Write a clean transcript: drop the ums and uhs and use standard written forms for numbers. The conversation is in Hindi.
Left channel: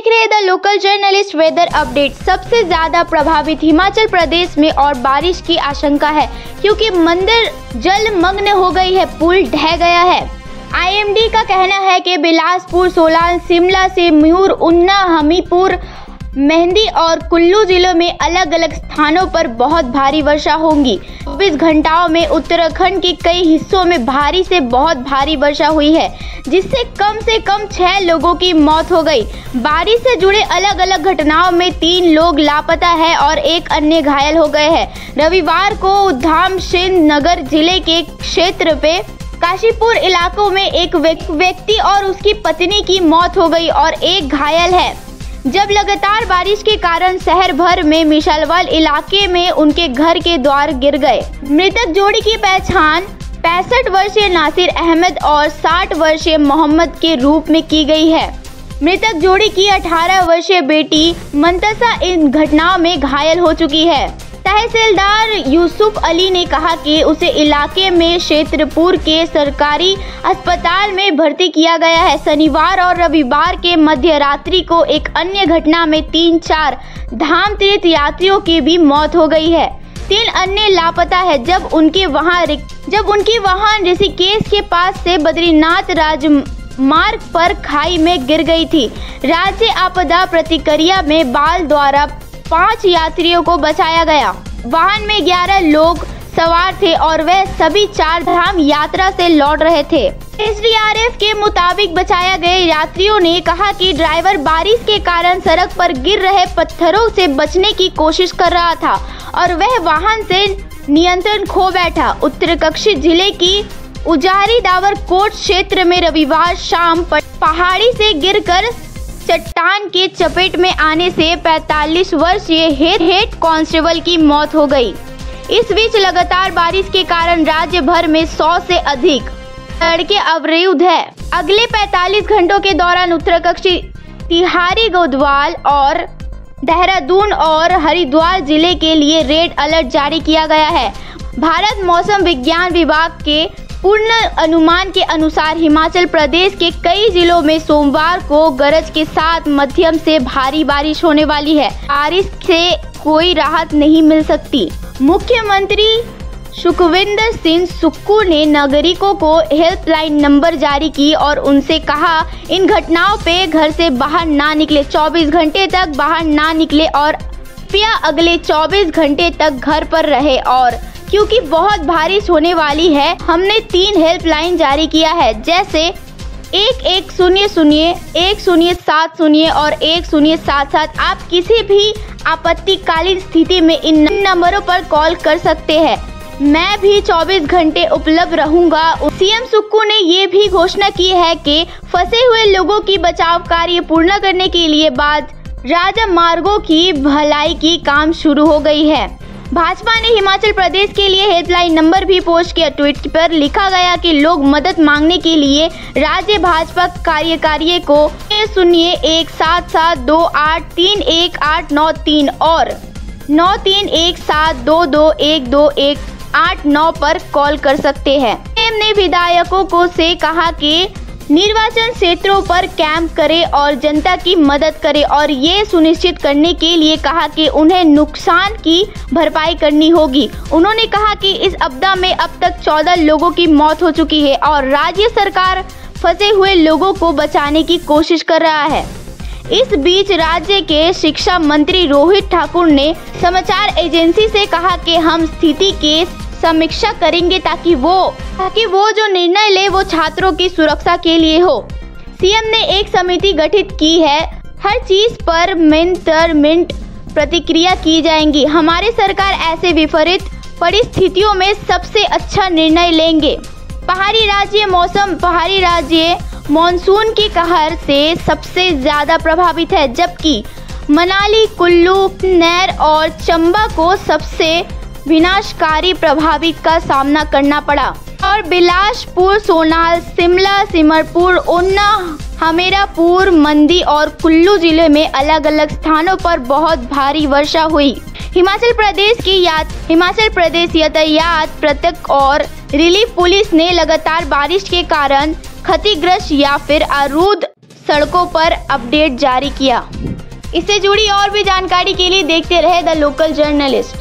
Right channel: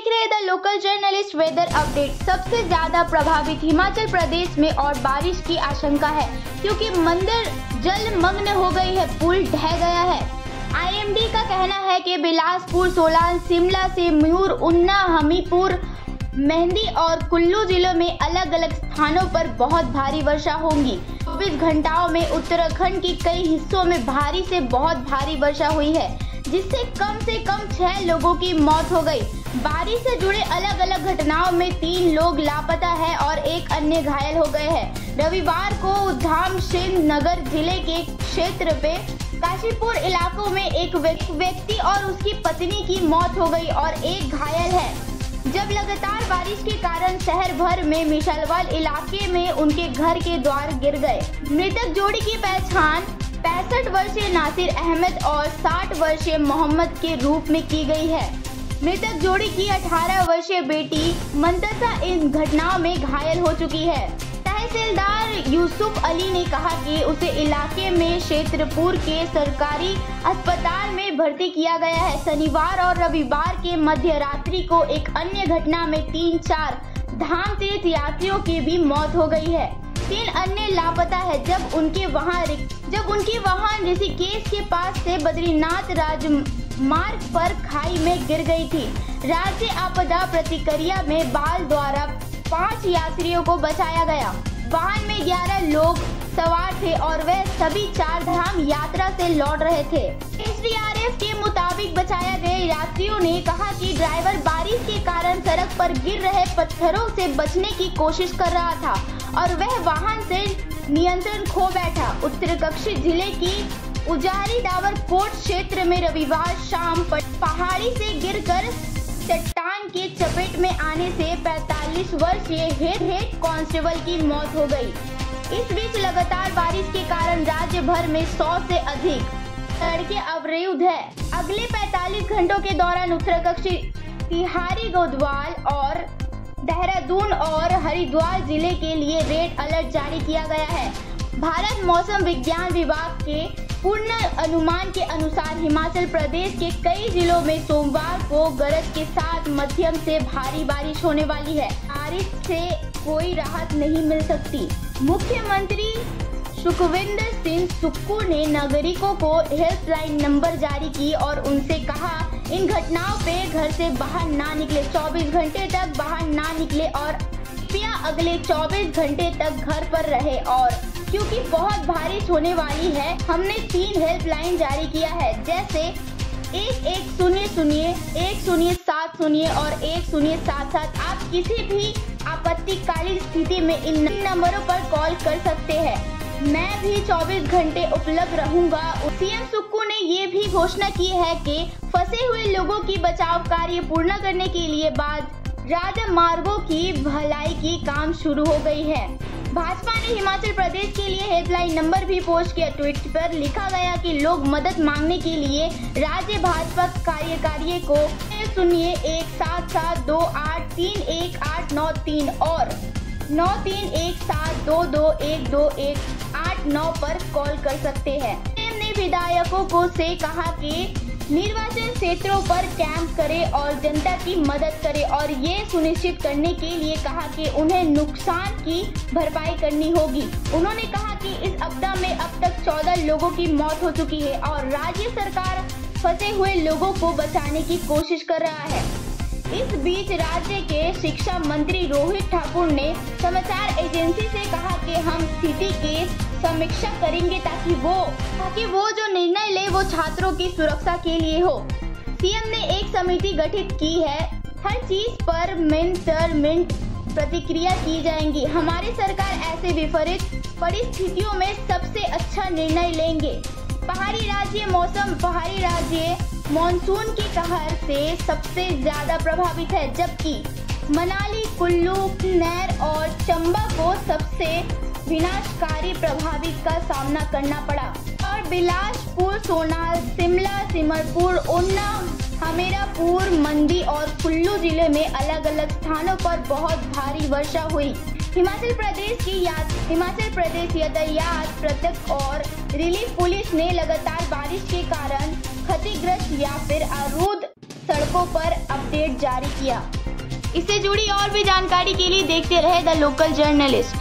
देख रहे हैं the local journalist weather update. सबसे ज्यादा प्रभावित हिमाचल प्रदेश में और बारिश की आशंका है क्योंकि मंदिर जलमग्न हो गई है, पुल ढह गया है। आईएमडी का कहना है कि बिलासपुर, सोलान, शिमला से म्यूर, ऊना, हमीरपुर, मेहंदी और कुल्लू जिलों में अलग अलग स्थानों पर बहुत भारी वर्षा होगी। 24 घंटाओं में उत्तराखंड के कई हिस्सों में भारी से बहुत भारी वर्षा हुई है, जिससे कम से कम 6 लोगों की मौत हो गई। बारिश से जुड़े अलग अलग घटनाओं में 3 लोग लापता है और 1 अन्य घायल हो गए हैं। रविवार को उधम सिंह नगर जिले के क्षेत्र पे काशीपुर इलाकों में एक व्यक्ति और उसकी पत्नी की मौत हो गई और 1 घायल है, जब लगातार बारिश के कारण शहर भर में मिशालवाल इलाके में उनके घर के द्वार गिर गए। मृतक जोड़ी की पहचान 65 वर्षीय नासिर अहमद और 60 वर्षीय मोहम्मद के रूप में की गई है। मृतक जोड़ी की 18 वर्षीय बेटी मंतसा इन घटनाओं में घायल हो चुकी है। तहसीलदार यूसुफ अली ने कहा कि उसे इलाके में क्षेत्रपुर के सरकारी अस्पताल में भर्ती किया गया है। शनिवार और रविवार के मध्य रात्रि को एक अन्य घटना में 3-4 धाम तीर्थ यात्रियों की भी मौत हो गई है। 3 अन्य लापता है जब उनकी वाहन ऋषिकेश के पास से बद्रीनाथ राजमार्ग पर खाई में गिर गई थी। राज्य आपदा प्रतिक्रिया में बाल द्वारा 5 यात्रियों को बचाया गया। वाहन में 11 लोग सवार थे और वह सभी 4 धाम यात्रा से लौट रहे थे। एसडीआरएफ के मुताबिक बचाया गए यात्रियों ने कहा कि ड्राइवर बारिश के कारण सड़क पर गिर रहे पत्थरों से बचने की कोशिश कर रहा था और वह वाहन से नियंत्रण खो बैठा। उत्तरकाशी जिले की उजारी दावरकोट क्षेत्र में रविवार शाम पहाड़ी से गिरकर चट्टान के चपेट में आने से 45 वर्षीय हेड कांस्टेबल की मौत हो गई। इस बीच लगातार बारिश के कारण राज्य भर में 100 से अधिक सड़कें अवरुद्ध है। अगले 45 घंटों के दौरान उत्तरकाशी, तिहारी, गढ़वाल और देहरादून और हरिद्वार जिले के लिए रेड अलर्ट जारी किया गया है। भारत मौसम विज्ञान विभाग के पूर्ण अनुमान के अनुसार हिमाचल प्रदेश के कई जिलों में सोमवार को गरज के साथ मध्यम से भारी बारिश होने वाली है। बारिश से कोई राहत नहीं मिल सकती। मुख्यमंत्री सुखविंदर सिंह सुक्खू ने नागरिकों को हेल्पलाइन नंबर जारी की और उनसे कहा इन घटनाओं पे घर से बाहर ना निकले, 24 घंटे तक बाहर ना निकले और कृपया अगले 24 घंटे तक घर पर रहे। और क्योंकि बहुत बारिश होने वाली है, हमने 3 हेल्पलाइन जारी किया है, जैसे 1100, 1070 और 1077। आप किसी भी आपत्तिकालीन स्थिति में इन नंबरों पर कॉल कर सकते हैं। मैं भी 24 घंटे उपलब्ध रहूंगा। सीएम सुक्खू ने ये भी घोषणा की है कि फंसे हुए लोगों की बचाव कार्य पूर्ण करने के लिए बाद राजमार्गों की भलाई की काम शुरू हो गई है। भाजपा ने हिमाचल प्रदेश के लिए हेल्पलाइन नंबर भी पोस्ट किया। ट्वीट पर लिखा गया कि लोग मदद मांगने के लिए राज्य भाजपा कार्यकारी को 01772831893 और 9317221289 पर कॉल कर सकते हैं। सीएम ने विधायकों को से कहा कि निर्वाचन क्षेत्रों पर कैंप करें और जनता की मदद करें और ये सुनिश्चित करने के लिए कहा कि उन्हें नुकसान की भरपाई करनी होगी। उन्होंने कहा कि इस आपदा में अब तक 14 लोगों की मौत हो चुकी है और राज्य सरकार फंसे हुए लोगों को बचाने की कोशिश कर रहा है। इस बीच राज्य के शिक्षा मंत्री रोहित ठाकुर ने समाचार एजेंसी से कहा कि हम स्थिति के समीक्षा करेंगे ताकि वो जो निर्णय ले वो छात्रों की सुरक्षा के लिए हो। सीएम ने एक समिति गठित की है, हर चीज पर मिनट प्रतिक्रिया की जाएगी। हमारी सरकार ऐसे विपरीत परिस्थितियों में सबसे अच्छा निर्णय लेंगे। पहाड़ी राज्य मॉनसून के कहर से सबसे ज्यादा प्रभावित है, जबकि मनाली, कुल्लू, नैर और चंबा को सबसे विनाशकारी प्रभावित का सामना करना पड़ा और बिलासपुर, सोनाल, शिमला, सिमरपुर, ऊना, हमीरपुर, मंडी और कुल्लू जिले में अलग अलग स्थानों पर बहुत भारी वर्षा हुई। हिमाचल प्रदेश यातायात प्रत्यक्ष और रिलीफ पुलिस ने लगातार बारिश के कारण क्षतिग्रस्त या फिर अवरुद्ध सड़कों पर अपडेट जारी किया। इससे जुड़ी और भी जानकारी के लिए देखते रहे द लोकल जर्नलिस्ट।